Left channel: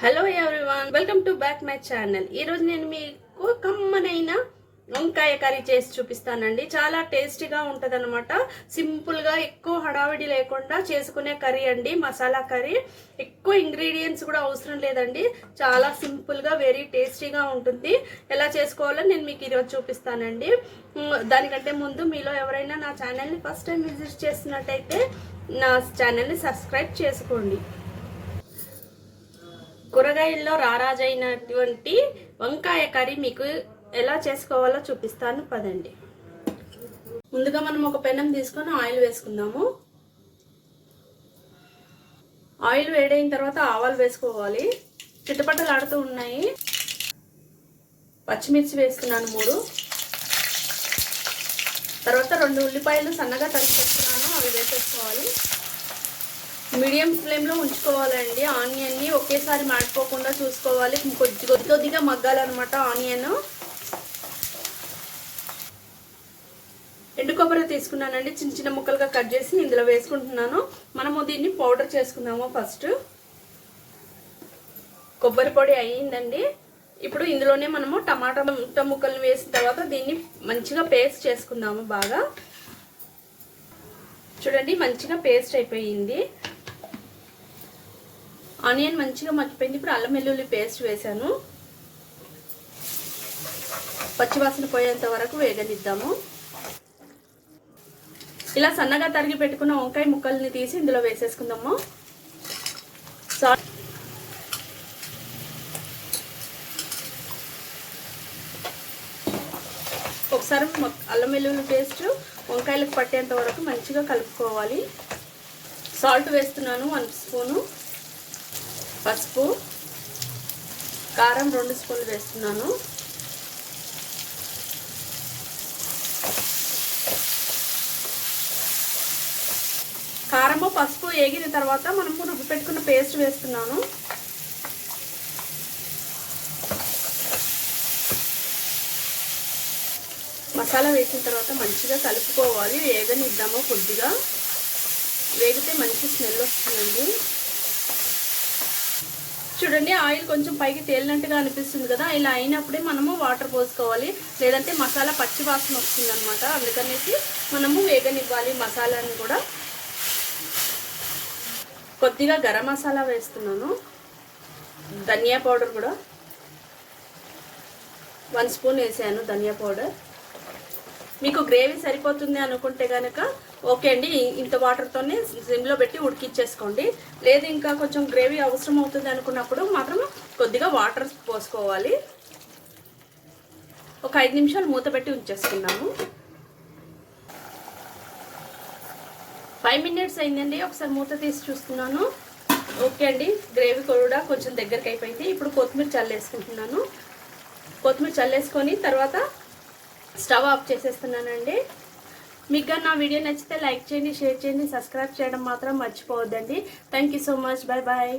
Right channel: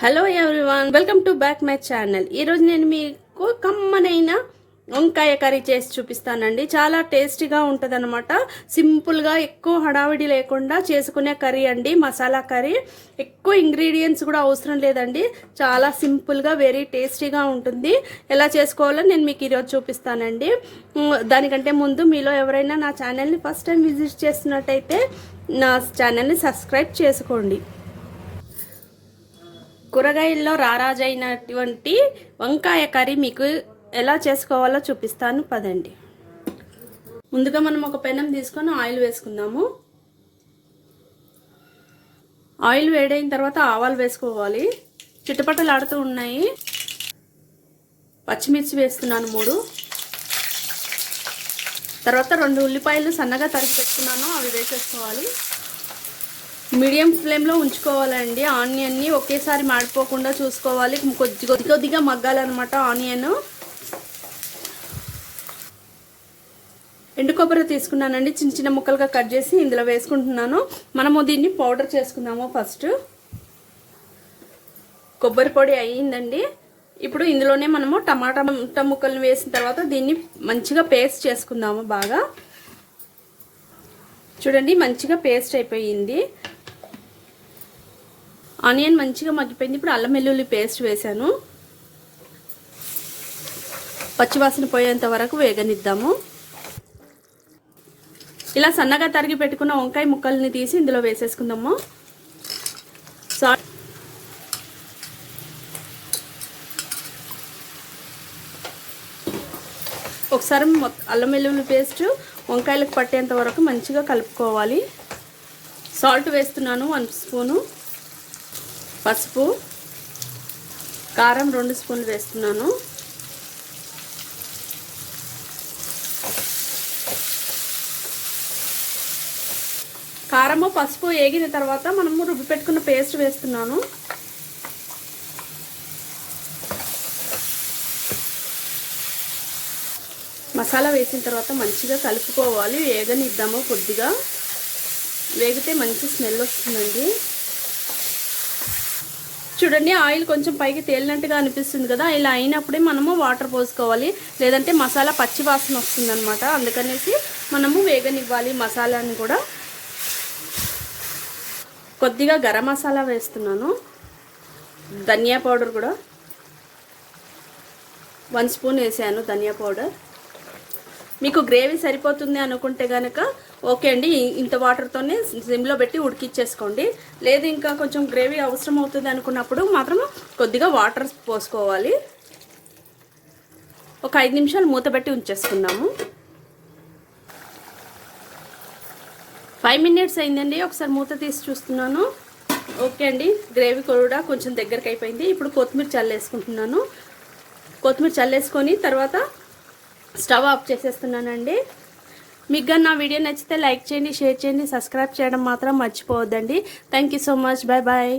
Hello everyone welcome to back my channel ఈరోజు నేను మీకు కమ్మనైన వంకాయ కర్రీ చేసి చూపిస్తానండి. చాలా టేస్టీగా ఉంటుంది అనమాట సింపుల్గా ఎక్కువ హడావిడి లేకుండా చేసుకునే కర్రీ అండి మసాలా కర్రీ. ఎక్కువ ఇంగ్రీడియంట్స్ కూడా అవసరం లేదండి. చాలా సింపుల్గా వెరీ టేస్టీగా ఉంటుంది. ఎలా చేసుకోవాలో నేను మీకు ఈరోజు చూపిస్తానండి. దానికంటే ముందు మీలో ఎవరైనా నా ఛానల్ని ఫస్ట్ టైం విజిట్ చేస్తున్నట్టయితే నా ఛానల్ని సబ్స్క్రైబ్ చేసుకోండి. కూరగాయల్లో రారాజైనటువంటి వంకాయ కర్రీ మీకు ఎలా చేసుకోవాలో చూపిస్తాను పదండి. ముందుగా మనం ఒక పెనం తీసుకొని ఆయిల్ వేసుకుందాము. ఆయిల్ వేడైన తర్వాత ఆవాలు వేసుకోవాలి. చిట్టుపట్టలు ఆడుతూ ఉన్నాయి. పచ్చిమిర్చి వేస్తున్నాను మూడు. తర్వాత రెండు ఉల్లిపాయలు సన్నగా తరిగి పెట్టుకున్నాను అవి వేసేసుకోవాలి. మీడియం ఫ్లేమ్లో ఉంచుకోవాలండి. ఆనియన్ని ఒకేసారి మాడిపోకుండా చూసుకోవాలి. కొద్ది కొద్ది కొద్దిగా మగ్గాలన్నమాట ఆనియన్. ఎండు కొబ్బరి తీసుకున్నానండి. చిన్న చిన్న ముక్కలుగా కట్ చేసి ఇందులో వేసుకుంటున్నాను. మనము దీన్ని పౌడర్ చేసుకుందాము ఫస్ట్. కొబ్బరి పొడి అయ్యిందండి. ఇప్పుడు ఇందులోనే మనము టమాటా ముట్ట ముక్కలు వేసిన తర్వాత దీన్ని మంచిగా పేస్ట్ చేసుకుందాము బాగా. చూడండి మంచిగా పేస్ట్ అయిపోయింది. ఆనియన్ మంచిగా మగ్గిపోయింది. ఇప్పుడు అల్లం వెల్లుల్లి పేస్ట్ వేసాను పచ్చివాసన పోయేంత వరకు వేగనిద్దాము. ఇలా సన్నగా తరిగి పెట్టుకున్న వంకాయ ముక్కల్ని తీసి ఇందులో వేసేసుకుందాము. సాల్ట్ ఒకసారి అల్లం వెల్లుల్లి పేస్ట్ వంకాయలకు పట్టేంత వరకు మంచిగా కలుపుకోవాలి. సాల్ట్ వేస్తున్నాను వన్ స్పూను. పసుపు కారం రెండు స్పూన్లు వేస్తున్నాను. కారము పసుపు వేగిన తర్వాత మనము రుబ్బి పెట్టుకున్న పేస్ట్ వేస్తున్నాను. మసాలా వేసిన తర్వాత మంచిగా కలుపుకోవాలి వేగనిద్దాము కొద్దిగా. వేగితే మంచి స్మెల్ వస్తుందండి. చూడండి ఆయిల్ కొంచెం పైకి తేలినట్టుగా అనిపిస్తుంది కదా. ఇలా అయినప్పుడే మనము వాటర్ పోసుకోవాలి. లేదంటే మసాలా పచ్చి వాసన వస్తుంది అనమాట అందుకనేసి మనము వేగనివ్వాలి మసాలాని కూడా. కొద్దిగా గరం మసాలా వేస్తున్నాను. ధనియా పౌడర్ కూడా. వన్ స్పూన్ వేసాను ధనియా పౌడర్. మీకు గ్రేవీ సరిపోతుంది అనుకుంటే కనుక ఓకే అండి ఇంత వాటర్తోనే సిమ్లో పెట్టి ఉడికిచ్చేసుకోండి. లేదు ఇంకా కొంచెం గ్రేవీ అవసరం అవుతుంది అనుకున్నప్పుడు మాత్రం కొద్దిగా వాటర్ పోసుకోవాలి. ఒక ఐదు నిమిషాలు మూత పెట్టి ఉంచేసుకున్నాము ఫైవ్ మినిట్స్ అయిందండి ఒకసారి మూత తీసి చూస్తున్నాను. ఓకే అండి గ్రేవీ కూడా కొంచెం దగ్గరికి అయిపోయింది. ఇప్పుడు కొత్తిమీర చల్లేసుకుంటున్నాను. కొత్తిమీర చల్లేసుకొని తర్వాత స్టవ్ ఆఫ్ చేసేస్తున్నానండి. మీకు కానీ నా వీడియో నచ్చితే లైక్ చేయండి షేర్ చేయండి సబ్స్క్రైబ్ చేయడం మాత్రం మర్చిపోవద్దండి. Thank you so much bye bye